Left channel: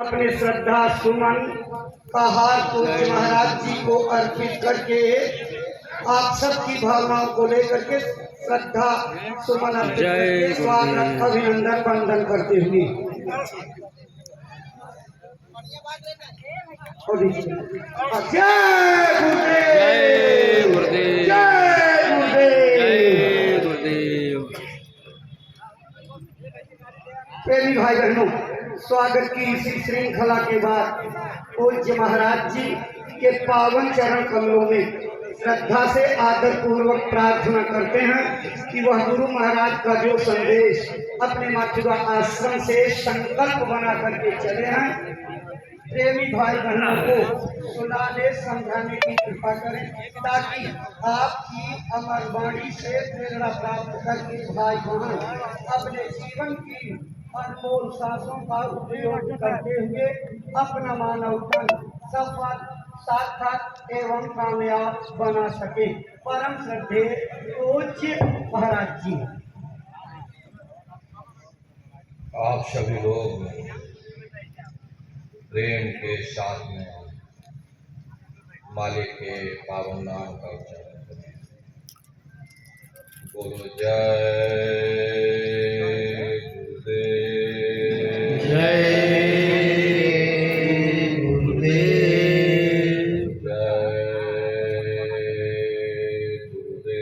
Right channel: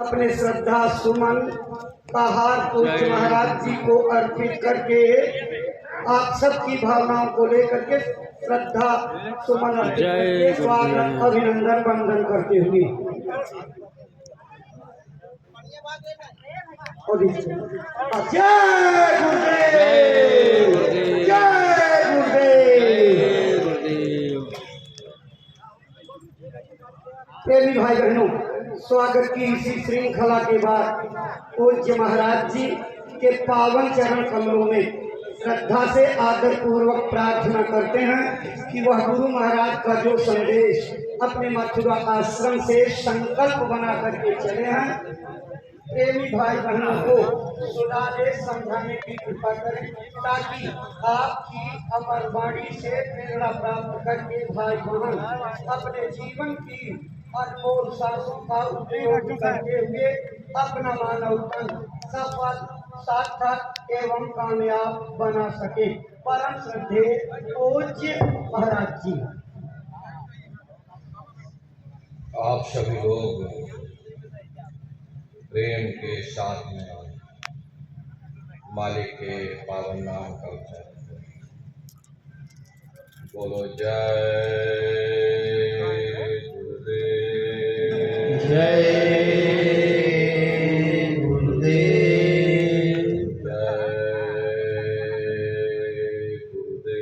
अपने श्रद्धा सुमन का हार पूज्य महाराज जी को अर्पित करके आप सबकी भावनाओं को लेकर के श्रद्धा सुमन अर्पित करके स्वागत अभिनंदन वंदन करते हुए जय गुरुदेव, जय गुरुदेव। प्रेमी भाई बहनों, स्वागत की इसी श्रृंखला के बाद पूज्य महाराज जी के पावन चरण कमलों में श्रद्धा से आदर पूर्वक प्रार्थना करते हैं कि वह गुरु महाराज का जो संदेश अपने मथुरा आश्रम से संकल्प बना करके चले हैं, प्रेमी भाई बहनों को सुनाने समझाने की कृपा करें, ताकि आपकी अमर वाणी से प्रेरणा प्राप्त करके भाई बहन अपने जीवन की अनमोल सांसों का उपयोग करते हुए अपना मानव तन सफल, सार्थक एवं कामयाब बना सके। परम श्रद्धेय पूज्य महाराज जी। आप सभी लोग प्रेम के साथ में मालिक के पावन नाम का उच्चारण करें। बोलो जय गुरुदेव, जय गुरुदेव, जय गुरुदेव,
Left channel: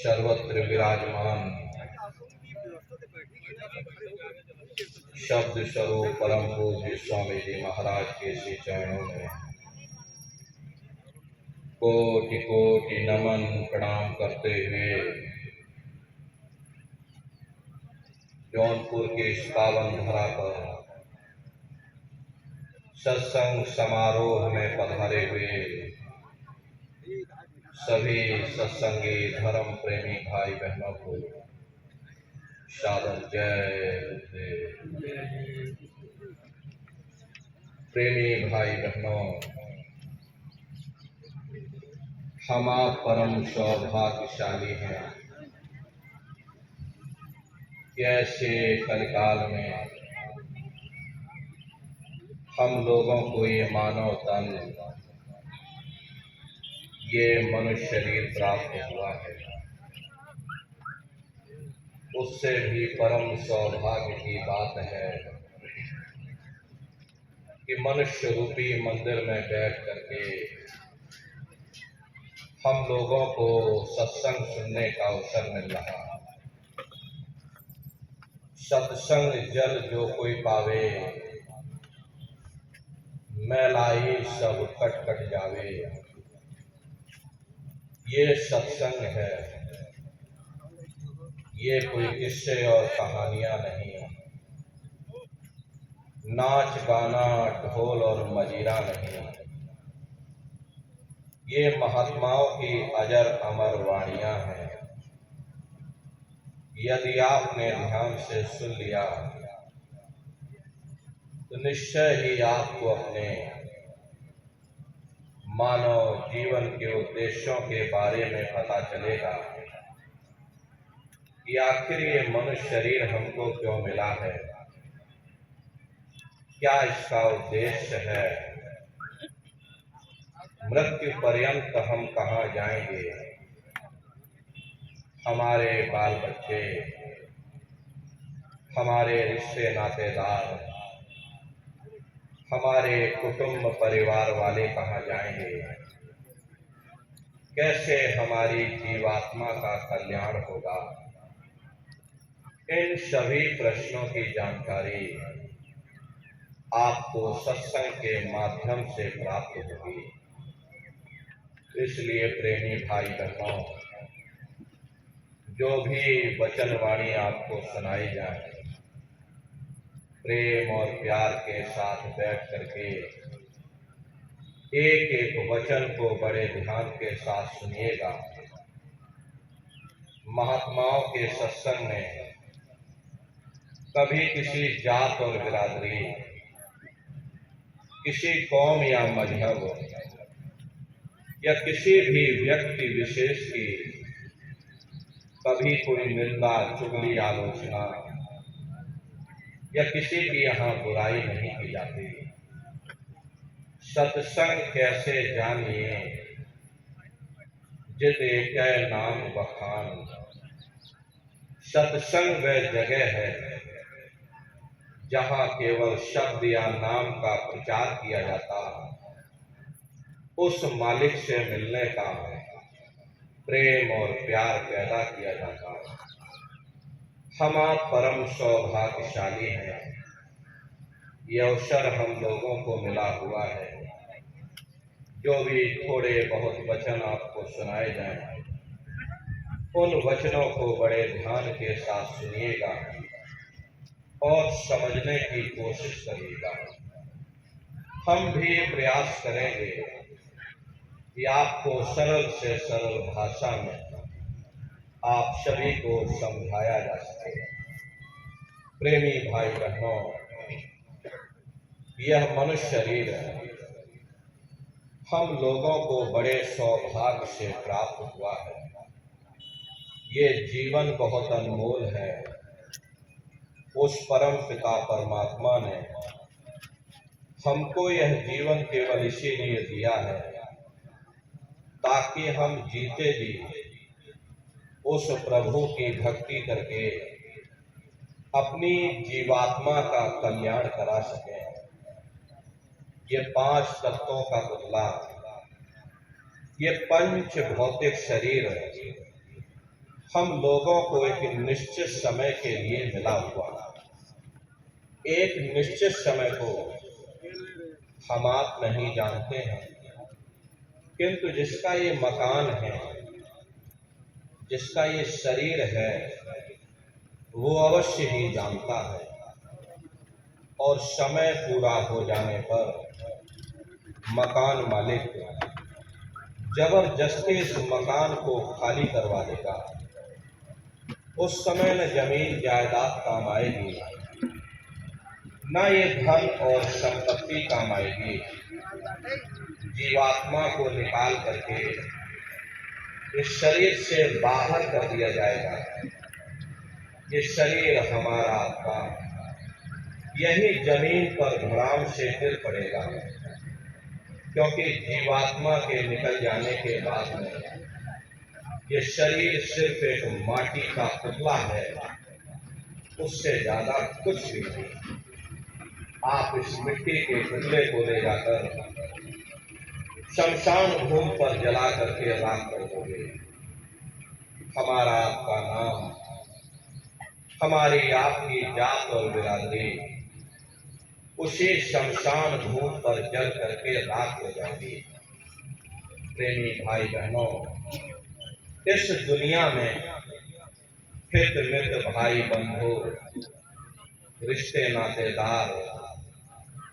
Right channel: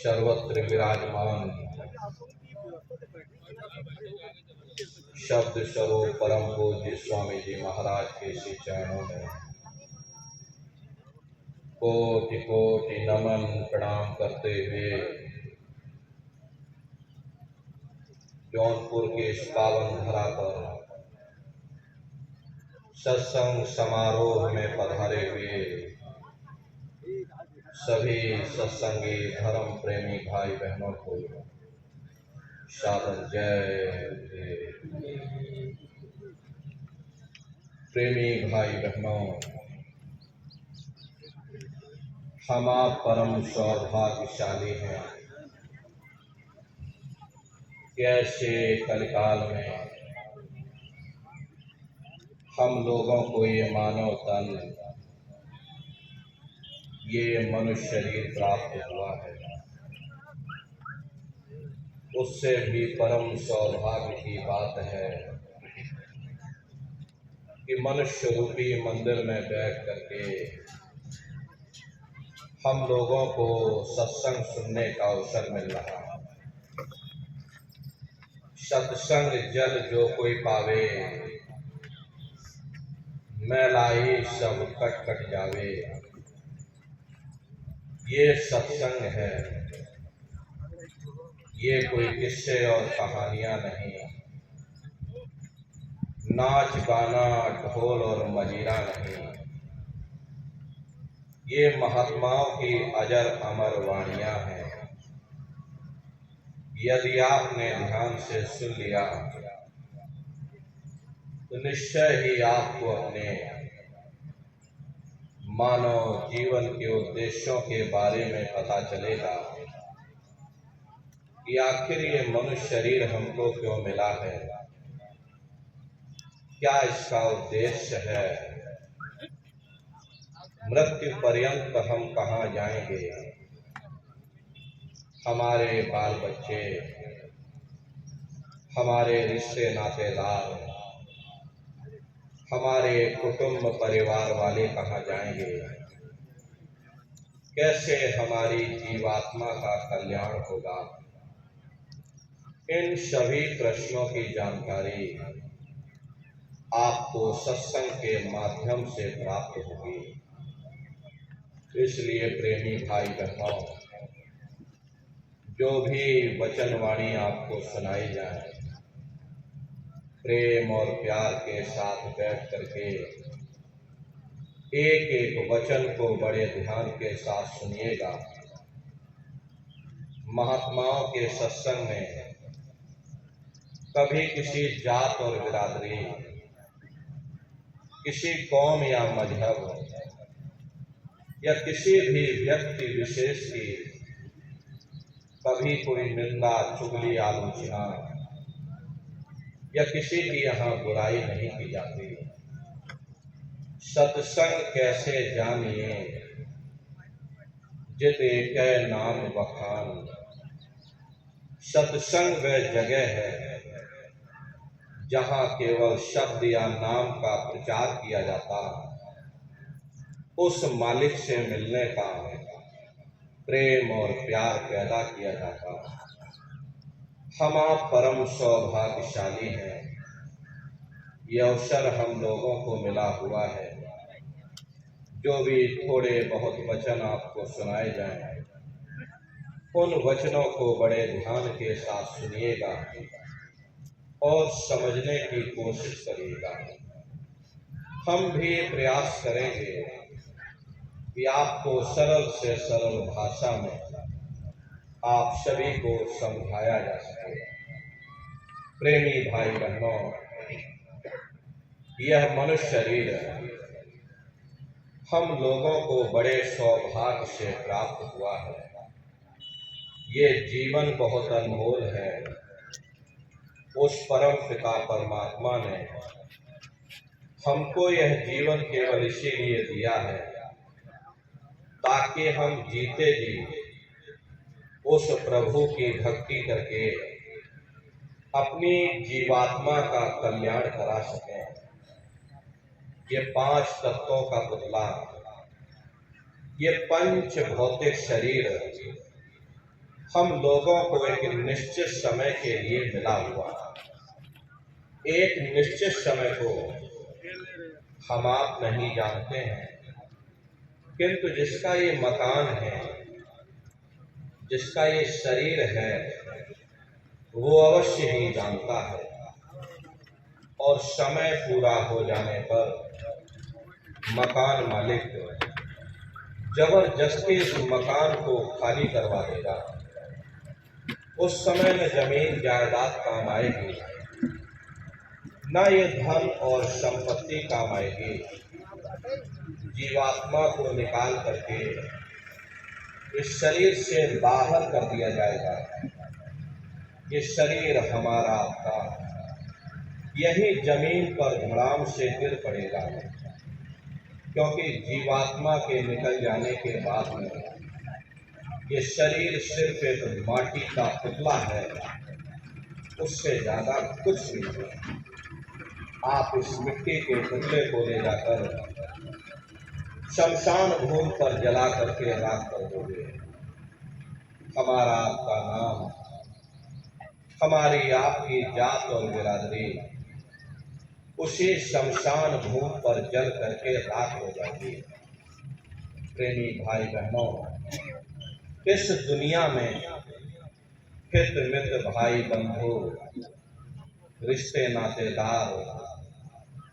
सर्वत्र विराजमान शब्द स्वरूप परम पूज्य स्वामी जी महाराज के श्री चरणों में कोटि कोटि नमन प्रणाम करते हुए जौनपुर के इस पावन धरा पर सत्संग समारोह में पधारे हुए सभी सत्संगी धर्म प्रेमी भाई बहनों को सादर जय। प्रेमी भाई बहनों, हम आप परम सौभाग्यशाली हैं कि ऐसे कलिकाल में हम लोगों को ये मानव तन, ये मनुष्य शरीर प्राप्त हुआ है। उससे भी परम सौभाग्य की बात है कि मनुष्य रूपी मंदिर में बैठ करके हम लोगों को सत्संग सुनने का अवसर मिल रहा। सत्संग जल जो कोई पावे, मैलाई सब कट कट जावे। ये सत्संग है, ये कोई किस्से और कहानियां नहीं, नाच गाना ढोल और मजीरा नहीं। ये महात्माओं की अजर अमर वाणियां हैं। यदि आपने ध्यान से सुन लिया तो निश्चय ही आपको अपने मानव जीवन के उद्देश्यों के बारे में पता चलेगा कि आखिर ये मनुष्य शरीर हमको क्यों मिला है, क्या इसका उद्देश्य है, मृत्यु पर्यंत हम कहाँ जाएंगे, हमारे बाल बच्चे, हमारे रिश्ते नातेदार, हमारे कुटुंब परिवार वाले कहाँ जाएंगे, कैसे हमारी जीवात्मा का कल्याण होगा। इन सभी प्रश्नों की जानकारी आपको सत्संग के माध्यम से प्राप्त होगी। इसलिए प्रेमी भाई बहनों, जो भी वचन वाणी आपको सुनाई जाए, प्रेम और प्यार के साथ बैठ करके एक एक वचन को बड़े ध्यान के साथ सुनिएगा। महात्माओं के सत्संग में कभी किसी जात और बिरादरी, किसी कौम या मजहब या किसी भी व्यक्ति विशेष की कभी कोई निंदा, चुगली, आलोचना या किसी की यहाँ बुराई नहीं की जाती। सत्संग कैसे जानिए जित एक नाम बखान। सत्संग वह जगह है जहाँ केवल शब्द या नाम का प्रचार किया जाता, उस मालिक से मिलने का प्रेम और प्यार पैदा किया जाता। हम आप परम सौभाग्यशाली हैं, ये अवसर हम लोगों को मिला हुआ है। जो भी थोड़े बहुत वचन आपको सुनाए जाएं, उन वचनों को बड़े ध्यान के साथ सुनिएगा और समझने की कोशिश करिएगा। हम भी प्रयास करेंगे कि आपको सरल से सरल भाषा में आप सभी को समझाया जा सके। प्रेमी भाई बहनों, यह मनुष्य शरीर हम लोगों को बड़े सौभाग्य से प्राप्त हुआ है। ये जीवन बहुत अनमोल है। उस परम पिता परमात्मा ने हमको यह जीवन केवल इसीलिए दिया है ताकि हम जीते जी उस प्रभु की भक्ति करके अपनी जीवात्मा का कल्याण करा सकें। ये 5 तत्वों का पुतला, ये पंच भौतिक शरीर हम लोगों को एक निश्चित समय के लिए मिला हुआ। एक निश्चित समय को हम आप नहीं जानते हैं, किंतु जिसका ये मकान है, जिसका ये शरीर है, वो अवश्य ही जानता है। और समय पूरा हो जाने पर मकान मालिक जबरदस्ती इस मकान को खाली करवा देगा। उस समय न जमीन जायदाद काम आएगी, न ये धन और संपत्ति काम आएगी। जीवात्मा को निकाल करके इस शरीर से बाहर कर दिया जाएगा। ये शरीर हमारा था, यही जमीन पर धड़ाम से गिर पड़ेगा, क्योंकि जीवात्मा के निकल जाने के बाद में ये शरीर सिर्फ एक माटी का पुतला है, उससे ज्यादा कुछ भी नहीं। आप इस मिट्टी के पुतले को ले जाकर शमशान भूमि पर जला करके राख कर दोगे। हमारा आपका नाम, हमारी आपकी जात और बिरादरी उसी शमशान भूमि पर जल करके राख हो जाएगी। प्रेमी भाई बहनों, इस दुनिया में हित मित्र, भाई बंधु, रिश्ते नातेदार,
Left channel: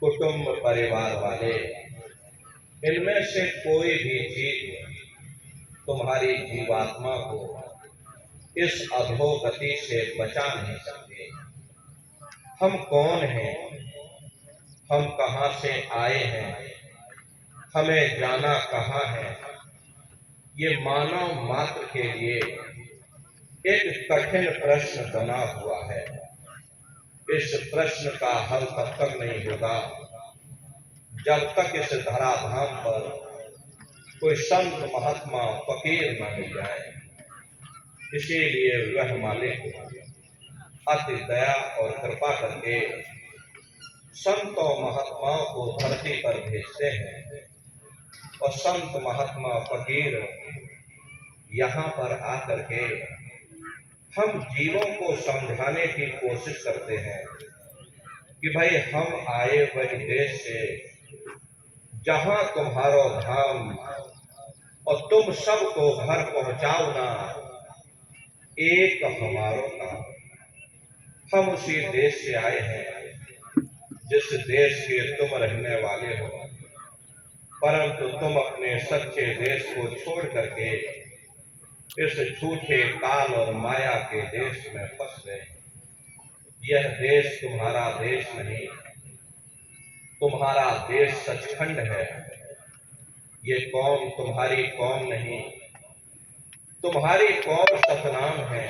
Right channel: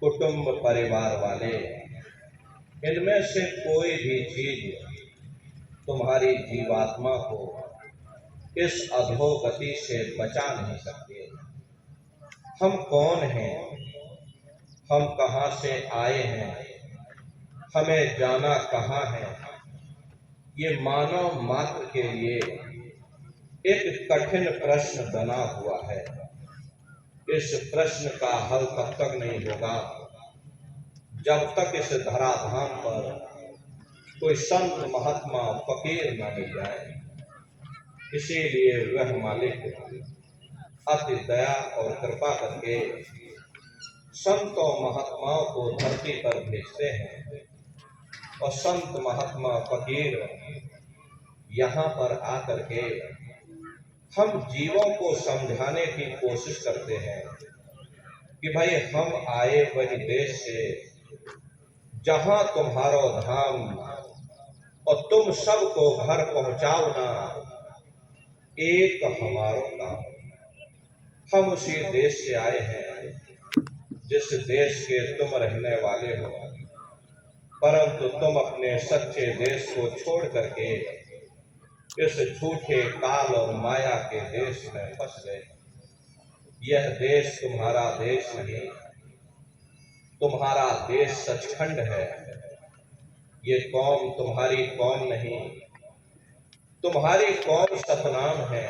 कुटुंब परिवार वाले, इनमें से कोई भी चीज तुम्हारी जीवात्मा को इस अधोगति से बचा नहीं सकते। हम कौन हैं, हम कहाँ से आए हैं, हमें जाना कहाँ है, ये मानव मात्र के लिए एक कठिन प्रश्न बना हुआ है। इस प्रश्न का हल तब तक नहीं होगा जब तक इस धराधाम पर कोई संत, महात्मा, फकीर न मिल जाए। इसीलिए वह मालिक अति दया और कृपा करके संतों महात्माओं को धरती पर भेजते हैं, और संत महात्मा फकीर यहाँ पर आकर के हम जीवों को समझाने की कोशिश करते हैं कि भाई हम आए वही देश से जहाँ तुम्हारो धाम, और तुम सबको घर पहुँचाओ ना एक हमारो नाम। हम उसी देश से आए हैं जिस देश के तुम रहने वाले हो, परंतु तुम अपने सच्चे देश को छोड़ करके इस झूठे काल और माया के देश में फंस गए। यह देश तुम्हारा देश नहीं, तुम्हारा देश सचखंड है। ये कौम तुम्हारी कौम नहीं, तुम्हारी कौम सतनाम है।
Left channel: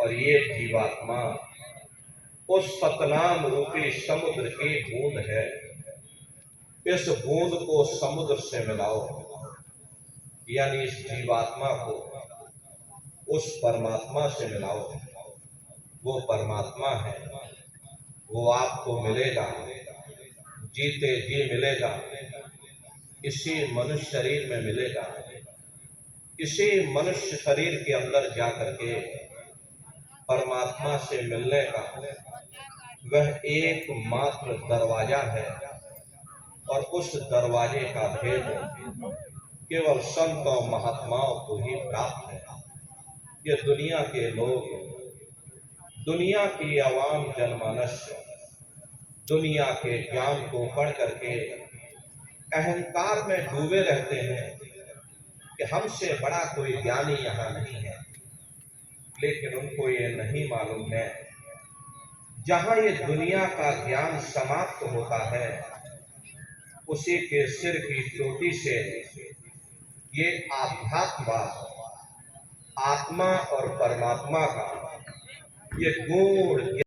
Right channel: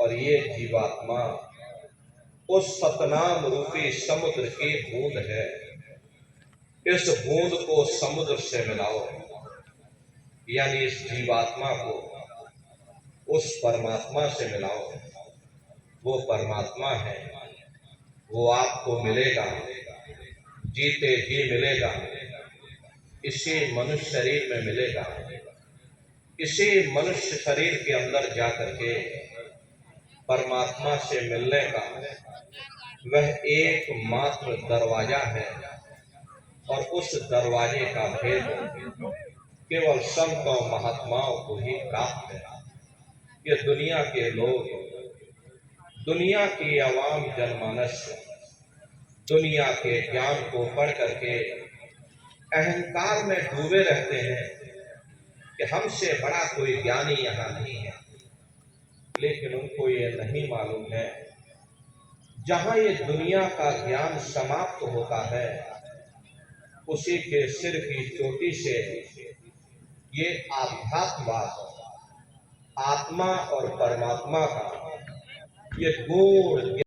और ये जीवात्मा उस सतनाम रूपी समुद्र की बूंद है। इस बूंद को समुद्र से मिलाओ, यानी इस जीवात्मा को उस परमात्मा से मिलाओ। वो परमात्मा है, वो आपको मिलेगा, जीते जी मिलेगा, इसी मनुष्य शरीर में मिलेगा। इसी मनुष्य शरीर के अंदर जाकर के परमात्मा से मिलने का वह एकमात्र दरवाजा है। और उस दरवाजे का भेद केवल संतों महात्माओं को ही प्राप्त है। ये दुनिया के लोग, दुनिया की आवाम जनमानस दुनिया के ज्ञान को पढ़ करके अहंकार में डूबे रहते हैं कि हमसे बड़ा कोई ज्ञानी यहाँ नहीं है। लेकिन उनको ये नहीं मालूम है, जहाँ ये दुनिया का ज्ञान समाप्त होता है, उसी के सिर की चोटी से ये आध्यात्मवाद, आत्मा और परमात्मा का ये गूढ़